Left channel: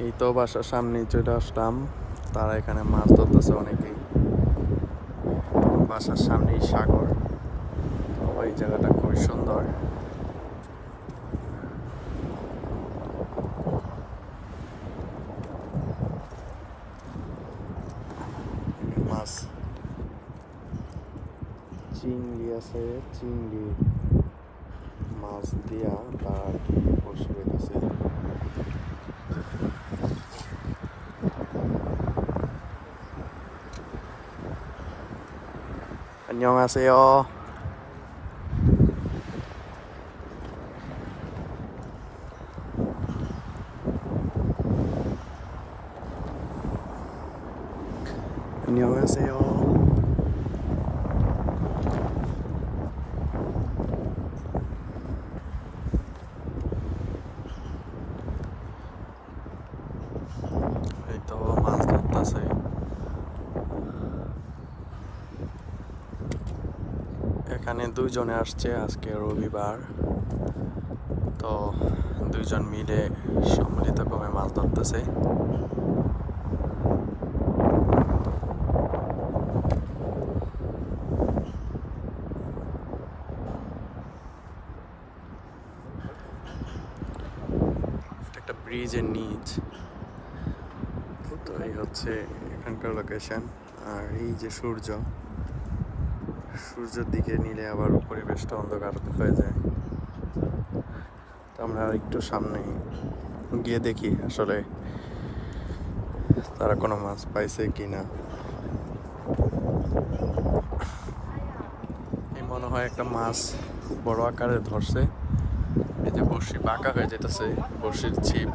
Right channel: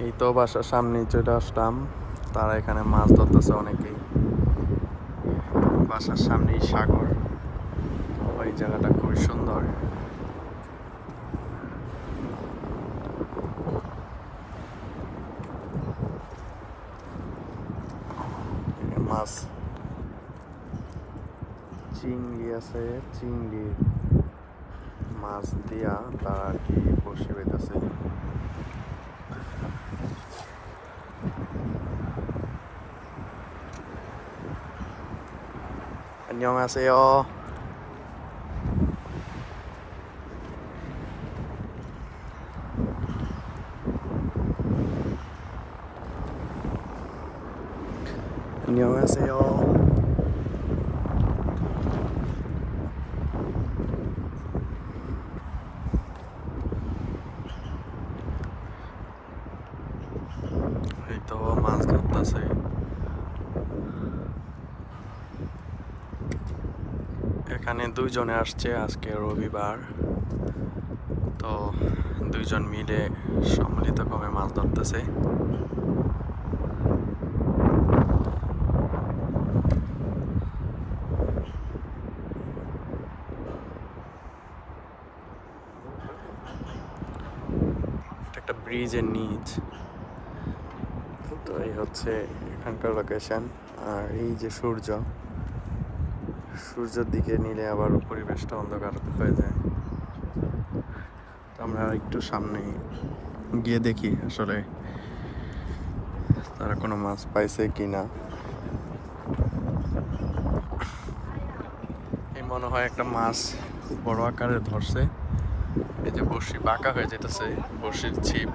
এই তো বাসার সামনে চলে আসলাম। তারা এখানে মাছ ধরতেছে অনেকেই। বাসার সামনেই সাগর। ওই জায়গাটা খুবই সুন্দর। মাছ। চিংড়ি আছে, চিংড়ি মাছ দিয়া তারা কি বসে বেঁধেছে 안녕하세요. 안녕하세요. এই তো মাছ ধরতেছে। এখানে দুইজনে আসছে আজকে রবিবার। তো দুইজন মিলে সম্মিলিত ক্রমে মাছ ধরতেছে। একটা ব্রিজের নিচ। তো এই হচ্ছে এখানকার লোকেশন আর এই যে সূর্য, সূর্যের দিকে নিলে আবার পরিবেশটা অন্ধকার হয়ে যায়। তো আমরা একটু সামনে গিয়ে দেখি আসলে তারা কোনো মাছ পাইছে কি না এই মনে হয় একটা মাছ বড় আকারে ধরছে। এই যে বড়শি বাঁকা হয়ে যেতেছে বড়শির ছিপ।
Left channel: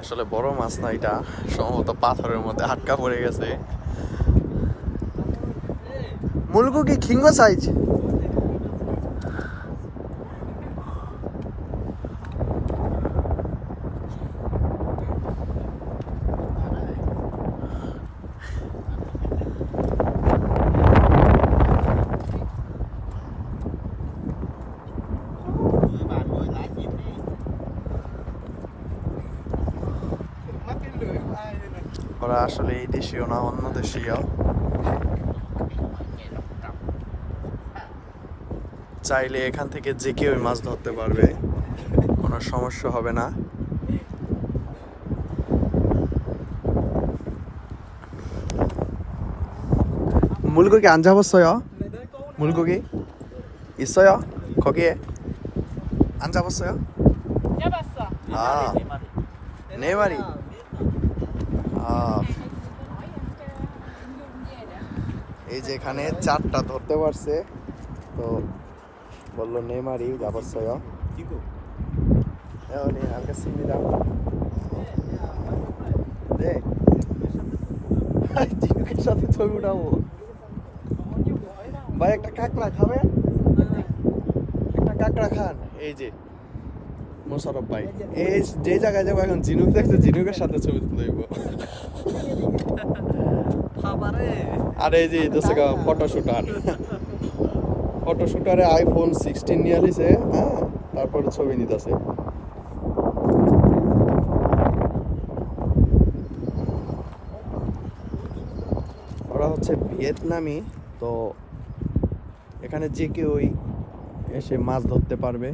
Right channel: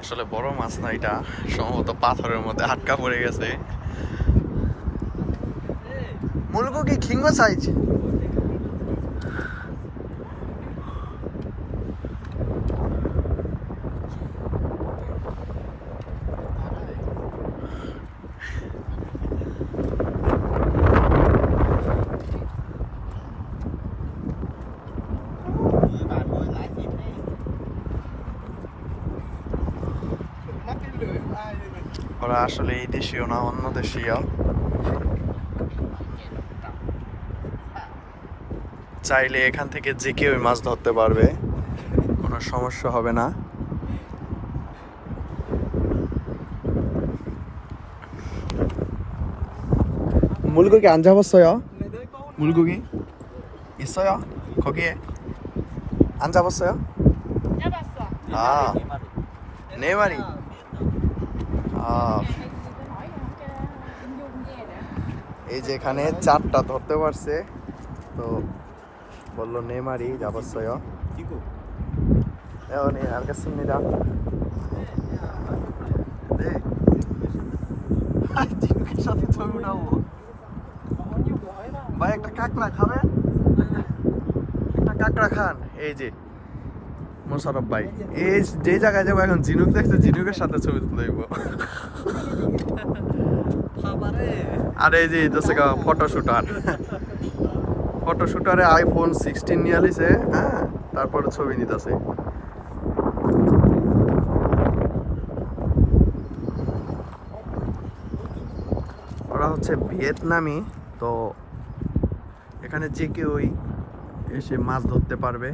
আসলে বড় মাছ না এটা, সম্ভবত পাথরের মধ্যে আটকা পড়ে গেছে। মুলকু কি খিঙ্গো সাইজ? ওরা আসলে এই দেশীয় না অন্য দেশীয়? চাইলে এখান থেকে যে কেউ মাছ ধরতে পারবে কোনো সমস্যা হবে না। মুলগো কি আঞ্জা বসয় মুলগো কি? ইসয় খগিয়ে আঞ্জা বসয় নেমারি। এই যে এখানে চারটা ধরতে পারছে। তো বলল নে মারি ছবি ভাই, একটা কাঁকড়া খাবে একটা কাঁকড়া খান, এই যে। মোশারফ ভাই। এই যে জায়গায় যাব এখন জিনুক দেখতে জিনুকের সাথে ছবি তুলে দেবো আর এই যে দোষে ফটো শুটার ফটো শুটারে আইফোন সিক্সটিন নিয়ে আলিছে হ্যাঁ? তারপরে ছবি নিতেছে। ওরা হচ্ছে ভিয়েতনামি তো এখানে যে কেউই এসে মাছ ধরতে পারবে।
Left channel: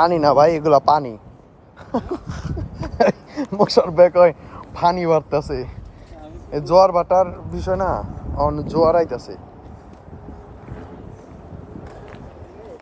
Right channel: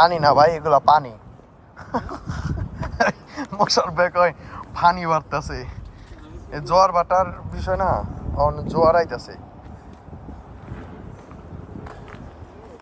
পানি না ভাই, এগুলো পানি। বসার ব্যাগ হয় পানি বাড়তেছে। জোয়ার বাটার বিষয় না জোয়ার আইতাছে।